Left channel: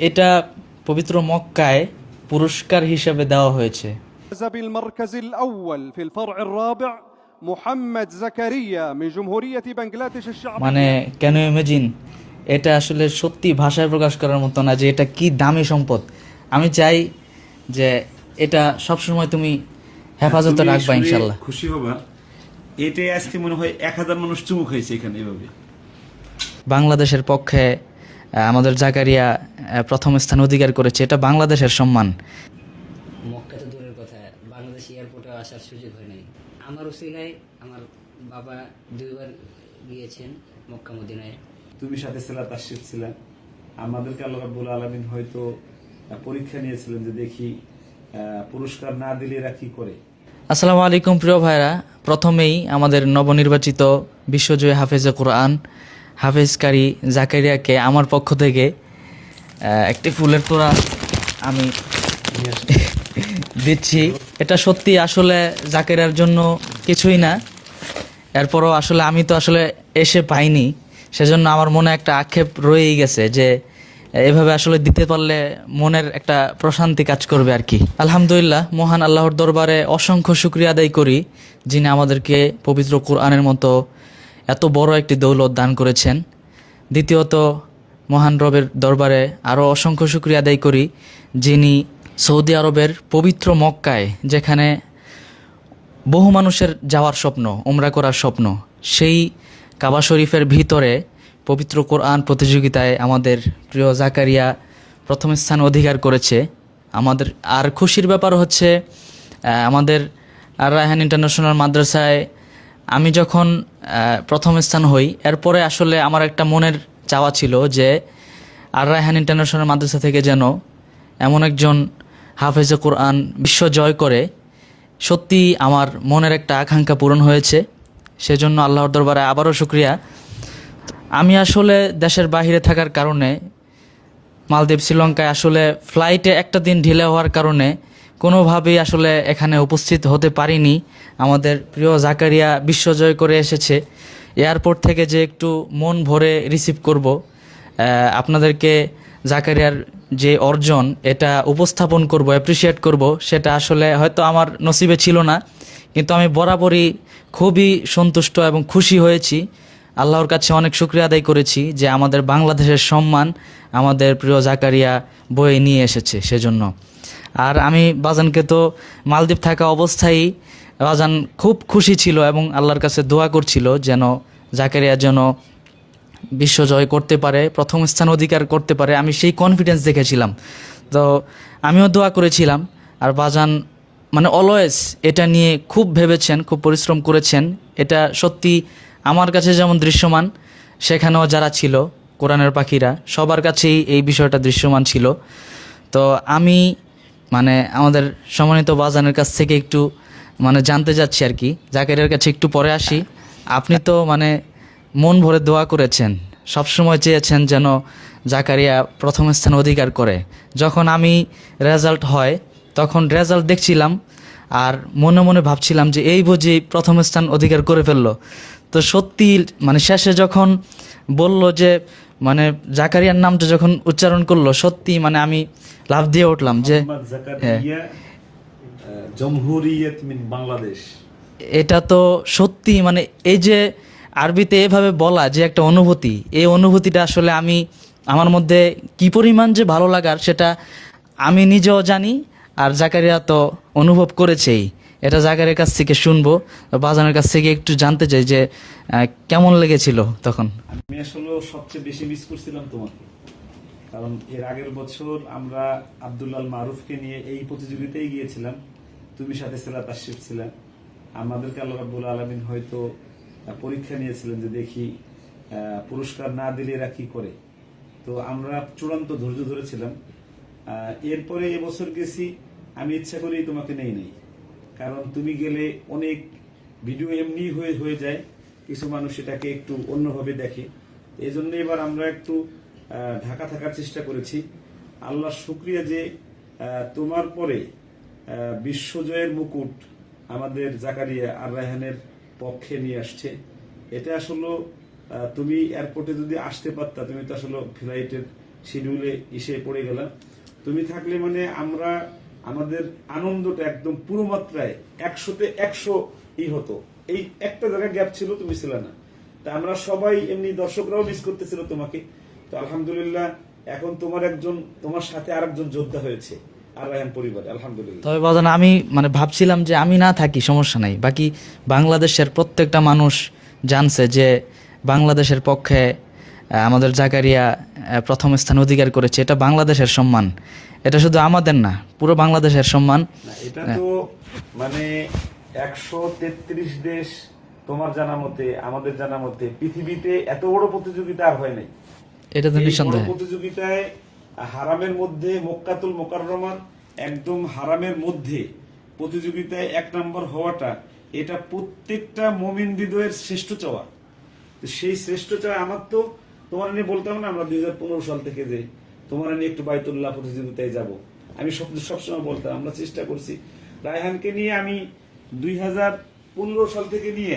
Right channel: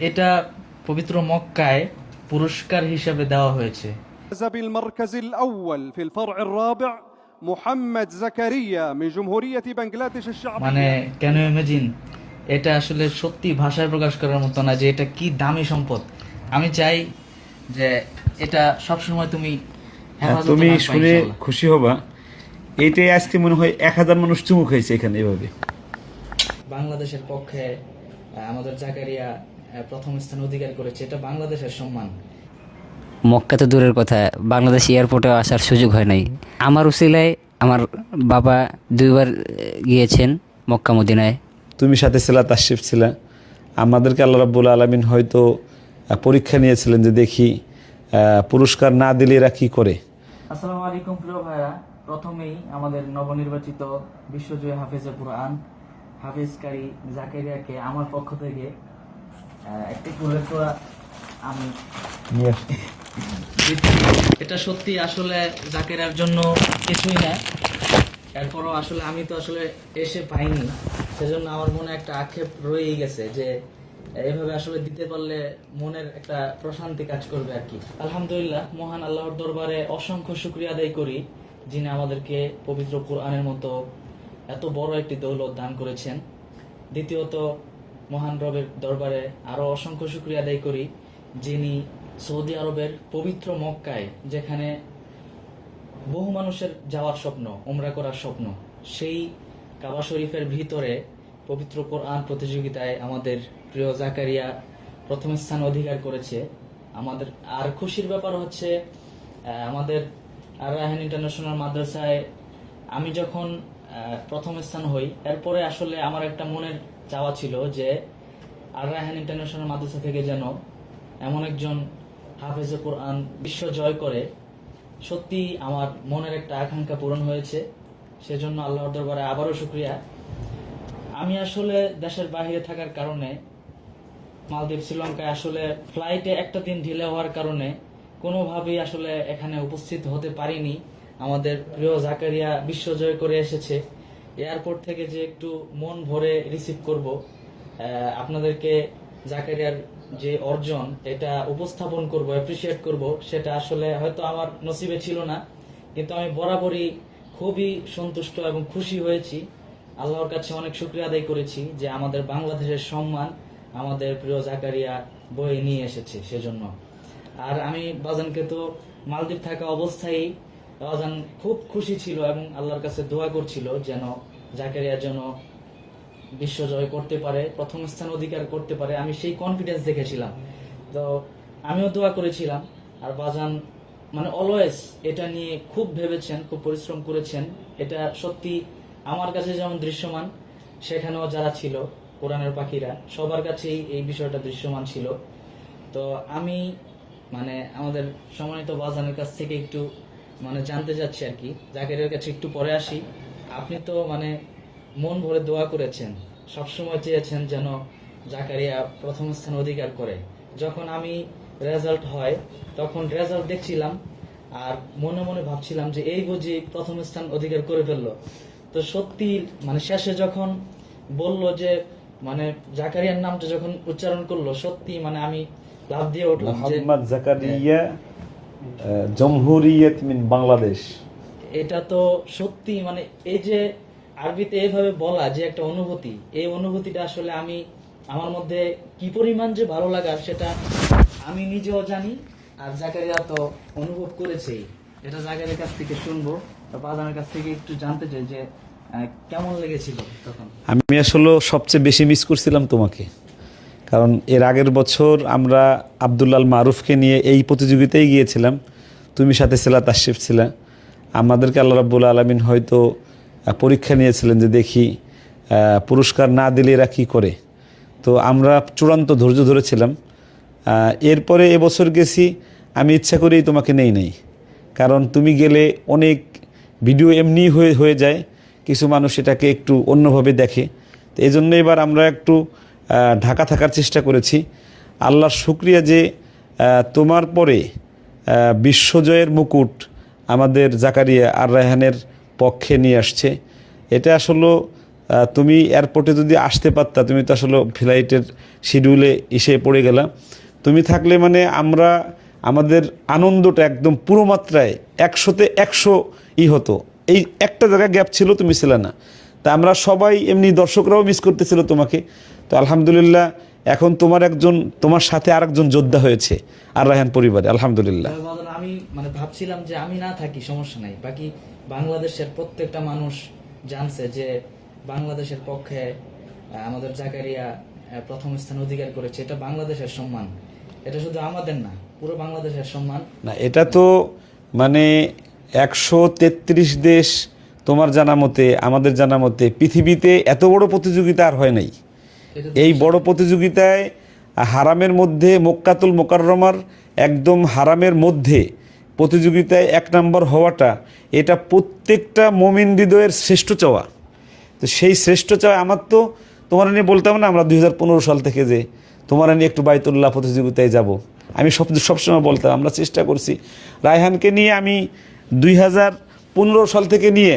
এটা পবিত্র মক্কায় পুরস্কার হিসেবে দেওয়া হয়েছে। فاز بالمركز الأول في الفرع الرابع محمد زكريا من جمهورية بنغلاديش মানে الشعبية. কেন ইমাজিন, এটা আসলে সত্যি ভাষায় প্রকাশ করার মতো না যে এটা কি দামি সম্পদ। আমি চাই যে এটা সবসময় তুমি হেফাজতে তুমি রাখবা শুনে ইনশাল্লাহ। খুশি হবা। এটাই আজকে মনে হয় 1000 মানুষ চুমুক হয়েছে এখানে এভাবে। বাংলাদেশের পক্ষে আমাদের জাকারিয়া প্রথম স্থান অধিকার করেছে, এটা বাংলাদেশের সম্মান। মক্কা তো দূরের কথা, বাংলাদেশ এয়ারপোর্টেও আসার সুযোগ হয় নাই। আমার উসিলায় আমার বাবা 2বার গিয়েছেন মক্কা মদিনায়। তুমি সাথে ছিলা, তাশরিফ ছিলা। আমাদেরকে আল্লাহ রাব্বুল আলামিন হয়তো পরীক্ষা নিয়েছিলেন যে দেখি পুরস্কার না দিলে এরা কী করে। আসসালামু আলাইকুম প্রিয় ভাইরা, প্রথমেই আমাদের নবনির্বাচিত বিশ্বজয়ী হাফেজে কোরআন হাফেজকারী জাকারিয়াকে আমার পক্ষ থেকে একটি ফুলের তোড়া আমি দিচ্ছি। এটা সত্যি আসলে জাকারিয়ার জন্য কিছুই না, এরপরও আসলে আমি তো আসলে এসে পাইনি, সেজন্য আমার মনে একটা আক্ষেপ রয়েই গেছে যে এভাবে আসলে দিতে পারলে মনের একটা প্রশান্তি কাজ করবে আর কি। আলহামদুলিল্লাহ, মহান আল্লাহর দরবারে অসংখ্য শুকরিয়া আদায় করি, যিনি আমাদেরকে পবিত্র কোরআনের মতো এত বড় একটি দৌলত দান করেছেন। দ্বিতীয়ত, মহান রবের দরবারে আরও অসংখ্য শুকরিয়া আদায় করি, যিনি সৌদি আরবের পবিত্র মক্কায়, যেখানে বহু মানুষের যাওয়ার স্বপ্ন, উমরা করার স্বপ্ন, সেই কাবা শরীফের ভিতরে পবিত্র কোরআন প্রতিযোগিতায় আমাদের প্রিয় জাকারিয়া প্রথম স্থান অধিকার করেছে। আমাদের আর খুশির ব্যাপার হচ্ছে আমাদের আর রায়হান ইন্টারন্যাশনাল মাদ্রাসায় আমি যখন প্রথম স্থান হই, এরপরে আসলে আমার একটা মনের চাওয়া ছিল যে আর রায়হান ইন্টারন্যাশনাল মাদ্রাসা থেকে যেন এমন একজন হাফেজে কোরআন বিশ্ব জয় করে। সত্যি আমার মনের একটা আকাঙ্ক্ষা পূরণ হয়েছে, সেজন্য আল্লাহর দরবারে আবারও শুকরিয়া। আমি আসলে দেশের বাইরে থাকার কারণে, মালদ্বীপ শ্রীলঙ্কায় আসলে ফ্লাইটে একটা দিন ঢিলে হওয়ার কারণে কোনোভাবেই আসলে এখানে উপস্থিত হতে পারিনি। আমাদের প্রিয় জাকারিয়া বিশ্বজয় করে এসেছে, এয়ারপোর্ট থেকে যে একটু মন ভরে রিসিভ করব, আপনাদেরকে জাকারিয়ার যে অর্জন এটা উপস্থাপন করব, অ্যাপ্রিসিয়েট করব, সেটা আসলে হয়তো আমার নসিবে ছিল না, কিন্তু আমি বরাবরই খুবই সন্তুষ্ট এবং খুশি হয়েছি। আল্লাহর কাছে অনেক শুকরিয়া আদায় করেছি যে আমাদের বাংলাদেশের সম্মান আমাদের প্রিয় জাকারিয়া বয়ে নিয়ে এসেছে সেজন্য। আর আমি বাজানকে তো মালদ্বীপ থাকা অবস্থায় বাজান খুব খুশি ছিল এবং আল্লাহর কাছে দোয়া করছিল যেন জাকারিয়া যেন বিশ্বজয় করতে পারে, প্রথম স্থান অধিকার করতে পারে। আমি সেই কনফিডেন্স দেখেছিলাম, তো আমিও দোয়া করেছিলাম। আর বাজান মানে অলওয়েজ এটা নিয়ে খুব ভেবেছেন, খুব পরিশ্রম করেছেন। এটা সত্যি আমার কাছে যেমন দৃশ্যমান, সেখানেও যারা ছিল কোরআনের পাখিরা সবার কাছেই এই বিষয়টা দৃশ্যমান ছিল। তো আমি মানে আমাদের সম্মানিত বাজানের কাছ থেকে একটু মানে জানতে যাচ্ছি আর কি, জাকারিয়ার কাছে একটু পরে আসি। আপনি তো মানে মন ভরে দোয়া করেছেন, সবসময় চেয়েছেন যেন জাকারিয়া প্রথম স্থান অধিকার করে। যখন আমি রেজাল্ট হয় তখন রেজাল্ট দেখছিলাম আর মনে মনে ভাবছিলাম যে এই বুঝি প্রথম স্থান অধিকার করে ফেললো। তো সত্যি মানে শেষে যখন বলল যে মানে জাকারিয়ার নামটা যখন উচ্চারণ করলো, সত্যি মানে আমি লাফ দিয়ে উঠলাম যে মোহাম্মদ জাকারিয়া জমহুরিয়ত মিন বাংলাদেশ। এটা তো সত্যি মানে এই যে আরবিতে এভাবে বলা যে একটা অনুভূতি, এই অনুভূতিটা আসলে আমি আমার মধ্যে কি পরিমাণ যে ভালো লাগার সেটা আমি নিজেও জানি, আর জাকারিয়া তো অনুভব করেছেই। এটা জাকারিয়ার কাছ থেকে শুনবো, বাজানের কাছ থেকে একটু জানতে চাই যে কেমন লেগেছিল তখন। আমি আসলে সবচেয়ে বেশি মিস করছিলাম তোমাকে, কারণ এর আগের বছর আমরা আব্দুল্লাল মারুফকে নিয়ে এই প্রতিযোগিতায় গিয়েছিলাম। তুমি সাথে ছিলা, তাশরিফ ছিলা। আমাদেরকে আল্লাহ রাব্বুল আলামিন হয়তো পরীক্ষা নিয়েছিলেন যে দেখি পুরস্কার না দিলে এরা কী করে। তো আমরা চূড়ান্ত ধৈর্য ধরেছিলাম। এরপরে এবছর গেছি, আমি ইচ্ছা করেই তোমাকে নেই, কারণ তুমি গেলে অনেক ভিডিও এমনি হয়ে যায়, কিছু মানুষ এটাকে একটু অন্যভাবে দেখে। তো এই জন্য এবার আমরা একটু ঢাকা থাকার চেষ্টা করেছি। আল্লাহর শুকরিয়া যে তোমার পরে বিশ্বজয়ের মুকুট আমাদের জাকারিয়া আর রায়হানের পক্ষে নিয়ে আসছে। এটা আসলে তুমি এয়ারপোর্টে যদি আসতে পারতা, তুমি তো আসলে ফ্লাইটের শিডিউলে এসে পড়ে গেলা। তুমি থাকলে মানে আমরা আমাদের আনন্দটা একদম পুরো মাত্রায় 100-তে 100 হতো। এই একটা জায়গায় গ্যাপ ছিল, তুমি ছিলে না। তা আমরা সবাই এমনি দর্শকরাও মিস করতেছিল তোমাকে। তো আলহামদুলিল্লাহ এখন তোমার সাথে আরেকজন যোদ্ধা হয়েছে আর রায়হান পরিবারে, আলহামদুলিল্লাহ। তবে বাজান আমি মানে ভাবছিলাম যে আমি না থাকি সমস্যা নাই, বাকি বাংলাদেশের প্রত্যেকটা মানুষ জানছে যে বাংলাদেশের পক্ষে আমাদের জাকারিয়া প্রথম স্থান অধিকার করেছে। এটা বাংলাদেশের সম্মান, এটা শুধু আমাদের না, পুরো বাংলাদেশের সম্মান। না, এটা তো মানে 133 দেশ, তোমার জানা মতে আমাদের জানা মতে পৃথিবীতে এত বড় প্রতিযোগিতা আর হয় নাই। এটা তো এই বড় নিঃসন্দেহে। প্রতিযোগিতায় হারামের মধ্যে, মক্কাতুল মোকাররমার একদম হারামের মধ্যে প্রতিযোগিতায় 1 নম্বর হওয়াটা, এটা প্রত্যেকটা মুমিন হৃদয়ের শ্রেষ্ঠ চাওয়া। তো সেই শ্রেষ্ঠ চাওয়া আমার তো তোমার নিয়ে বলতাম না, আমরা 2015 সাল থেকে যে তোমার নিয়ে একটু বাইতুল্লাহ প্রতিযোগিতায় যাব, আমি সবসময় বলতাম আমরা চেষ্টা করছি। রায়হানকে নিয়ে আমি 2015 সাল থেকে নিয়ে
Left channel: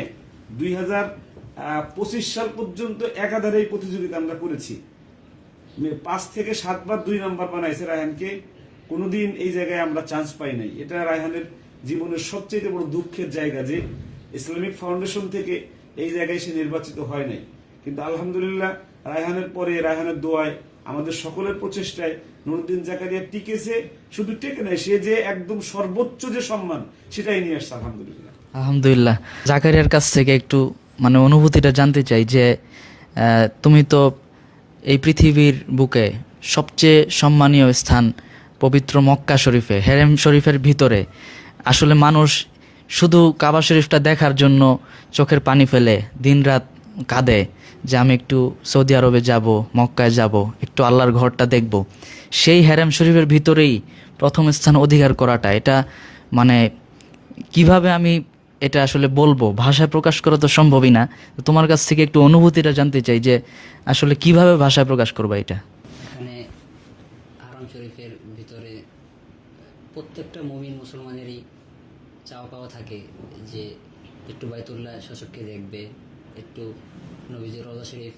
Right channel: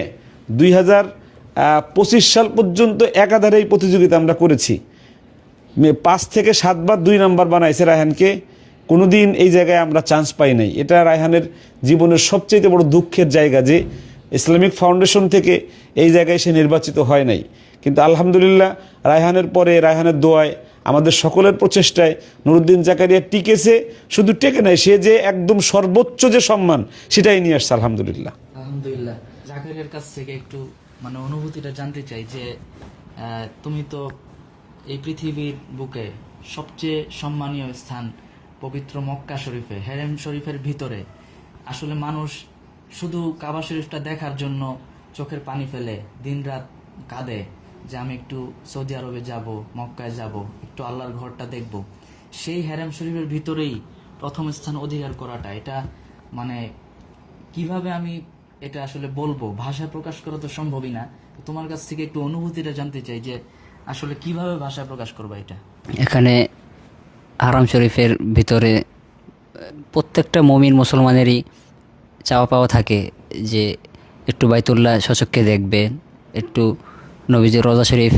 2025 সাল পর্যন্ত একাধারে এই প্রতিযোগিতা আমরা করেছি। 5 থেকে 7 বার 2 নাম্বার বানাইছে রায়হানকে, কোনোদিন এই জায়গায় আমরা চান্স পাই নাই। এটা রায়হানের জীবনের সবচেয়ে বড় দুঃখের জায়গা যে ইসলামিক ফাউন্ডেশন থেকে এই জায়গায় সে নির্বাচিত হয় নাই। কিন্তু আলহামদুলিল্লাহ রায়হানের পরে, রায়হানের দোয়ায়, আমাদের সকলের প্রচেষ্টায় নুরুদ্দিন জাকারিয়া টিকেছে। শুধু টেকে নাই, সে যে একদম সর্বোচ্চ যে সম্মান সেটাই নিয়ে আসছে আলহামদুলিল্লাহ। আলহামদুলিল্লাহ। জাকারিয়ার কাছ থেকে একটু মানে অনুভূতিটা জানতে চাই যে তুমি তো এই পৃথিবীর বুকে সবচেয়ে সম্মানীয় স্থান পবিত্র মক্কা শরীফে, হেরেম শরীফের ভিতরে আসলে মানুষ শুধু কাবা শরীফটা দেখার জন্য চোখের পানি ফেলে দিনরাত কাঁদে যে আমি একটু সৌদি আরবে যাব, মক্কায় যাব, একটু আল্লাহর ঘরটা দেখব। সেই হেরেম শরীফের ভিতরেই প্রথম স্থান অধিকার করাটা, এটা মানে কিভাবে আমি এটা আসলে বলবো, ভাষায় প্রকাশ করা তো সম্ভবই না। তো তোমার কাছ থেকে একটু অনুভূতিটা জানতে চাই যে আসলে কিভাবে ভাষায় প্রকাশ করবা এটা। এখানে হারাম শরীফের ভিতরে প্রত্যেকটা মুমিন মুসলমানেরই চাওয়া পাওয়া থাকে যে একটু বাইতুল্লাহ সচক্ষে দেখবে, একটু নবীজির রওজা শরীফ,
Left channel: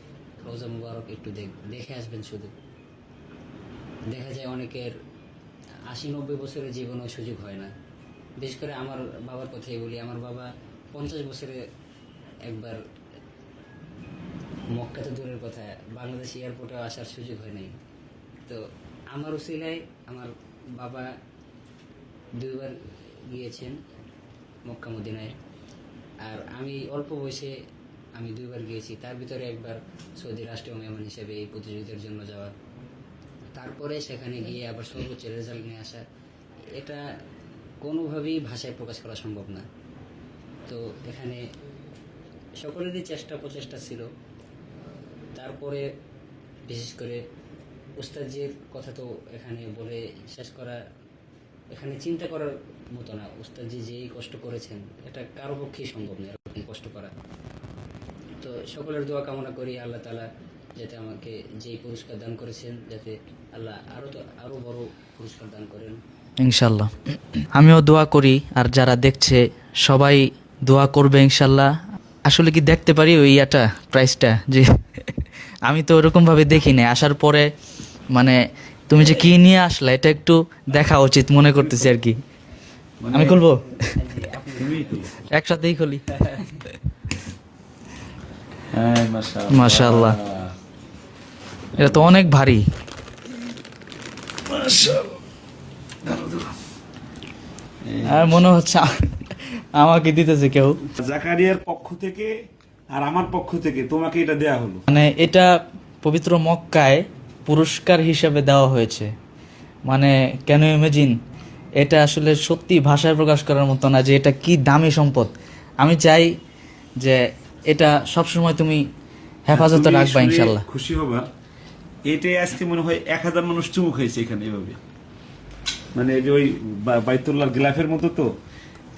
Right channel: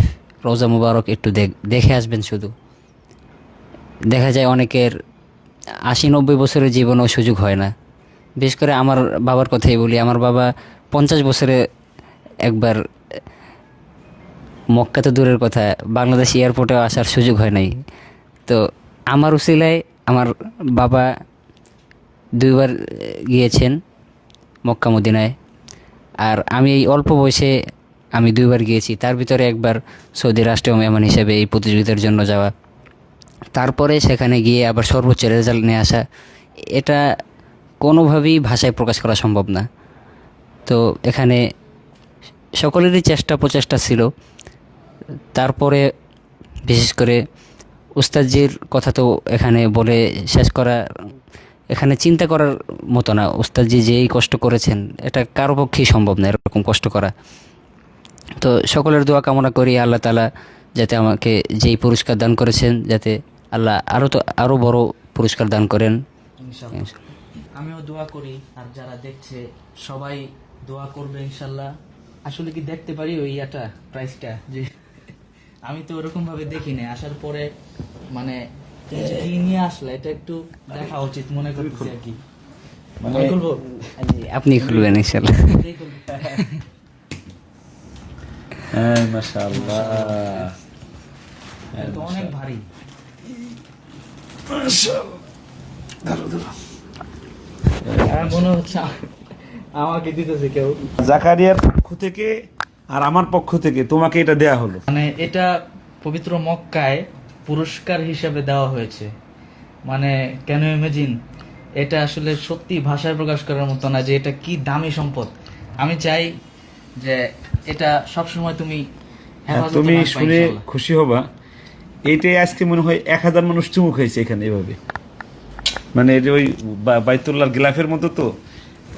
রওজা মুবারক একটু দেখে আসবেন। শুধু দেখা যায় অনেকের 80-90 বছরের জীবনেও সুযোগ হয় না। বিশেষ করে আমার বাবার কথাই বলি, আমার বাবা 50 বছরে একবার, মক্কা তো দূরের কথা, বাংলাদেশ এয়ারপোর্টেও আসার সুযোগ হয় নাই। তো আমার উসিলায় আমার বাবা 2 বার গিয়েছেন মক্কা মদিনায়, আর আমি এই অল্প বয়সে আমি 2 বার গিয়েছি। তার ভিতরে একবার সৌদি রাষ্ট্রীয় মেহমান হিসেবে এই প্রতিযোগিতার জন্য যাওয়া, তারপরে সেখানে গিয়ে আবার সর্বোচ্চ রেজাল্ট নিয়ে আসা, এটা কোনোভাবেই ভাষায় প্রকাশ করা সম্ভব না। তো এখানে সকলেরই চেষ্টা প্রচেষ্টা ছিল। তারপরে বিশেষ করে উস্তাদজির কথা তো এখানে বলে শেষ করা, এখানে চিন্তা করার মতো না। উস্তাদজি যেই কষ্ট করেছেন এটা কারো পক্ষেই সম্ভব না এরকম কষ্ট করা। তো সকলের দোয়া কামনা করি আল্লাহ তাআলা যাতে আমাকে যেই পুরস্কার দান করেছেন, যাতে আল্লাহ আরও বড় পুরস্কার দান করেন ইনশাল্লাহ। আমিও দোয়া করি, আর যারা দেখছে সবাই দোয়া করবে ইনশাল্লাহ। আসলে কি দেখতে পারি ওই প্রাইসটা? যে আমি তো ওরকমভাবে দেখি না, আসার পরে মানে তুমি যে কি নিয়ে আসলে এটা একটু দেখা উচিত মনে করতেছি আর কি। আমি খুলবো? আপনি খুলবেন ইনশাল্লাহ। একসাথেই খুলি। মাশাআল্লাহ, এটা তো অনেক ভারী। আর মনে হচ্ছে আমাকে দিতেছে কেউ। জাকারিয়ার পক্ষ থেকে আর আমার পক্ষ থেকে তোমাকে এটা দেয়া হলো। মানে এটা পবিত্র মক্কায় পুরস্কার হিসেবে দেওয়া হয়েছে। মানে কেন ইমাজিন, এটা আসলে সত্যি ভাষায় প্রকাশ করার মতো না যে এটা কি দামি সম্পদ। আমি চাই যে এটা সবসময় তুমি হেফাজতে রাখবা ইনশাআল্লাহ। খুশি হবা, এইটাই আজকে মনে হয় 1000 মানুষ চুমুক হয়েছে এখানে এভাবে। মানে এটা ওই বাইতুল্লাহর গিলাফের মতো, তো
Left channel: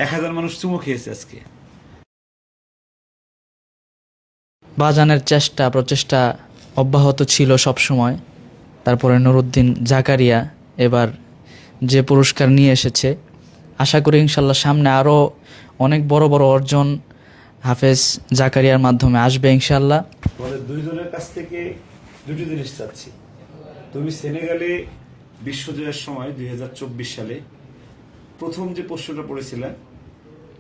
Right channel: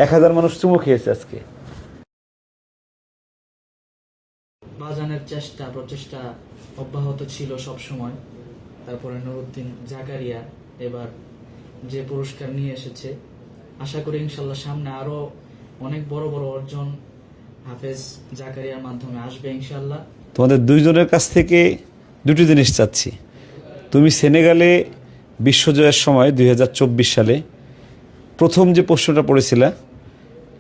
1000 মানুষ চুমুক খেয়েছে আজকে। বাজানের চেষ্টা প্রচেষ্টা অব্যাহত ছিল সব সময়। তারপরে নুরুদ্দিন জাকারিয়া এবার যে পুরস্কার নিয়ে এসেছে, আশা করি ইনশাল্লাহ সামনে আরও অনেক বড় বড় অর্জন হাফেজ জাকারিয়ার মাধ্যমে আসবে ইনশাল্লাহ। তোমাদের দুইজনের কাছ থেকে দুটি জিনিস চাচ্ছি। তুমি সেনেগালে বিশ্বজয়ের সময় 2024 সালে প্রথম যে প্রশ্নটা পড়েছিলা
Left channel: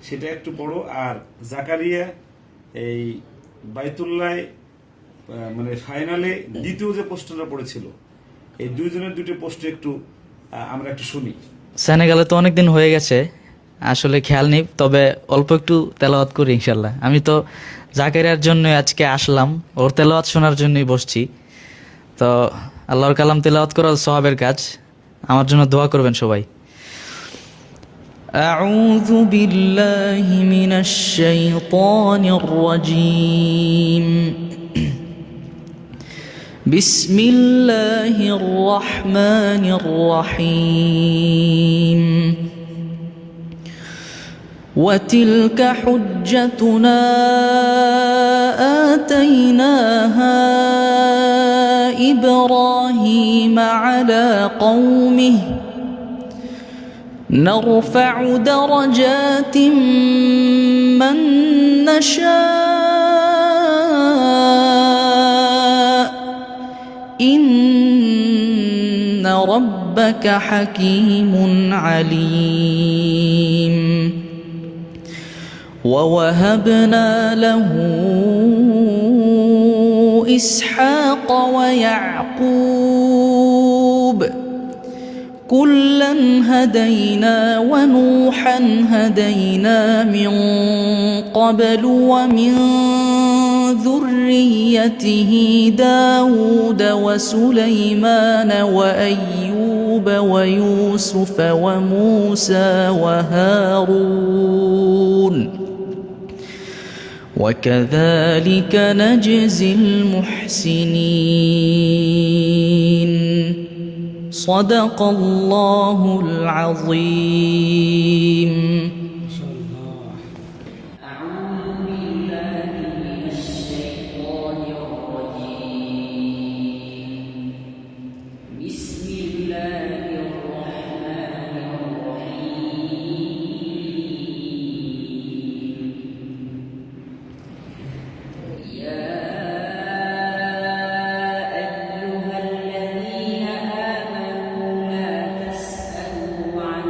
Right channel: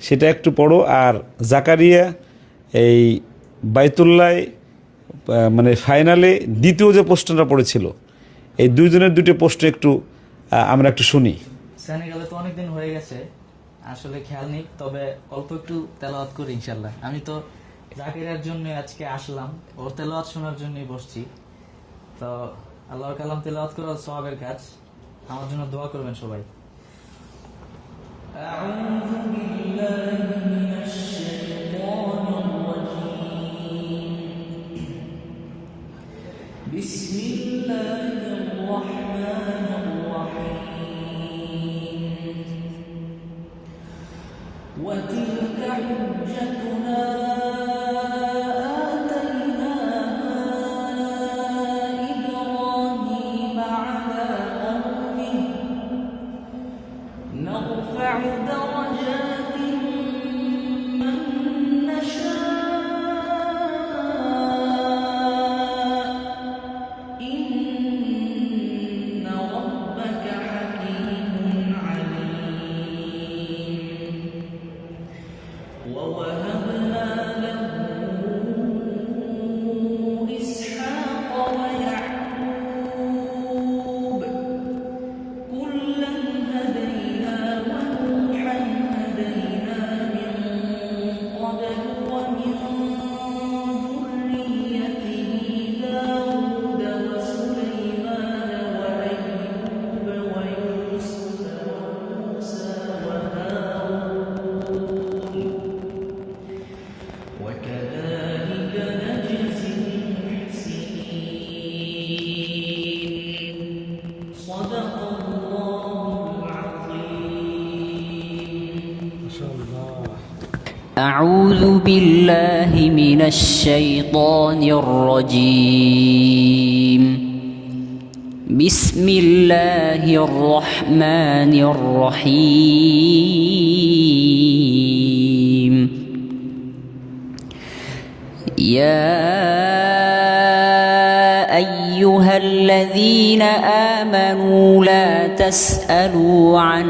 সেটা একটু পড়ো, আর জাকারিয়া এই বাইতুল্লায় মানে ফাইনালে দ্বিতীয় যে প্রশ্নটা পড়েছিল, এই দুইজনের দুটো প্রশ্ন একটু আমরা একটু শুনি। সেনেগালে তো অনেক দিন হয়ে গেছে, আসলে খেয়াল নেই, তবে অল্প একটু তেলাওয়াত করি ইনশাল্লাহ। আমি তো জাকারিয়ার জন্য আজকে আসলাম, ওর তেলাওয়াত শোনার জন্যই বসছি। তো আল্লাহর কালাম তেলাওয়াত করা সওয়াবের কাজ, আমার জন্য দোয়া করবেন সবাই। أعوذ بالله من الشيطان الرجيم بسم الله الرحمن الرحيم وتلك حجتنا آتيناها إبراهيم على قومه نرفع درجات من نشاء إن ربك حكيم عليم ووهبنا له إسحاق ويعقوب كلا هدينا ونوحا هدينا من قبل ومن ذريته داود وسليمان وأيوب ويوسف وموسى وهارون وكذلك نجزي المحسنين صدق الله العظيم. أعوذ بالله من الشيطان الرجيم. بسم الله الرحمن الرحيم. يا أيها الذين آمنوا لا تسألوا عن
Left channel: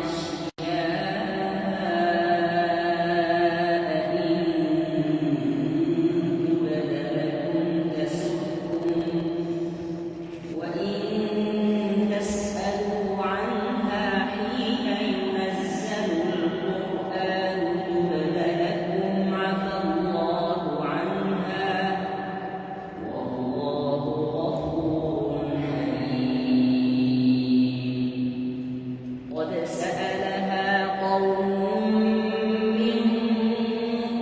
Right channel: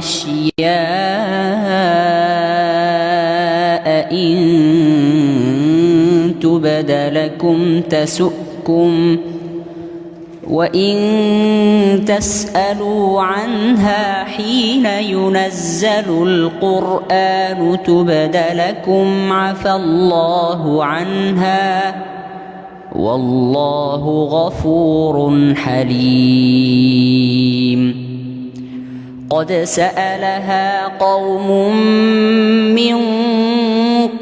أشياء إن تبد لكم تسؤكم وإن تسألوا عنها حين ينزل القرآن تبد لكم عفى الله عنها والله غفور حليم. قد سألها قوم من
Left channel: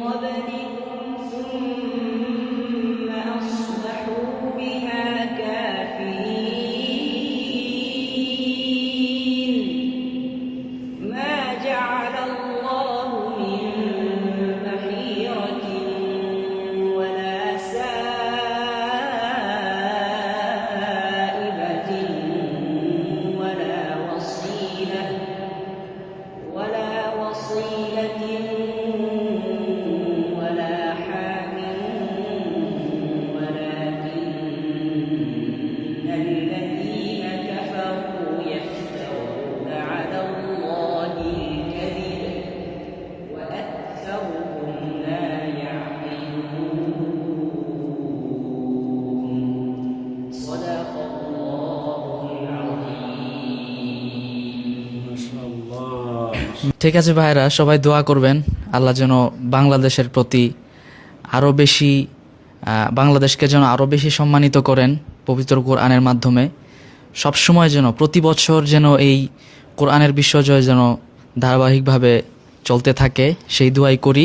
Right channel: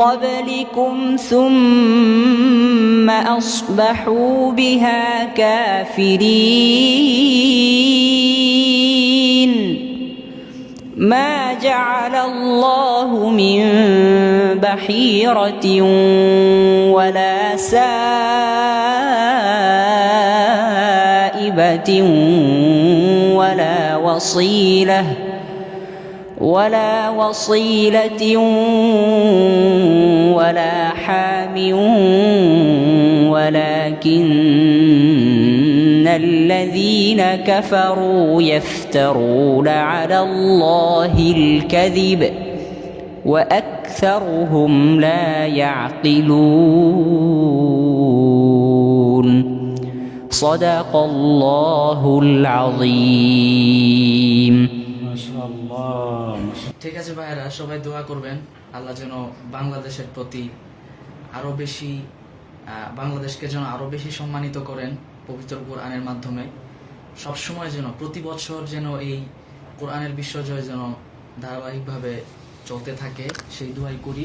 قبلكم ثم أصبحوا بها كافرين. ما جعل الله من بحيرة ولا سائبة ولا وصيلة ولا حام ولكن الذين كفروا يفترون على الله الكذب وأكثرهم لا يعقلون. صدق الله العظيم. ঠিক আছে ভাইরা, সবাই দোয়া করবেন আল্লাহ যেন বাংলাদেশের প্রতি আরও বেশি বাংলাদেশকে যেন আরও বেশি সম্মানিত করেন পবিত্র কোরআনের মাধ্যমে। সবসময় যেন প্রতি বছর যেন এই কোরআনের বিশ্বজয় যেন ধারাবাহিকভাবে চলতে থাকে, সেই দোয়াই করি।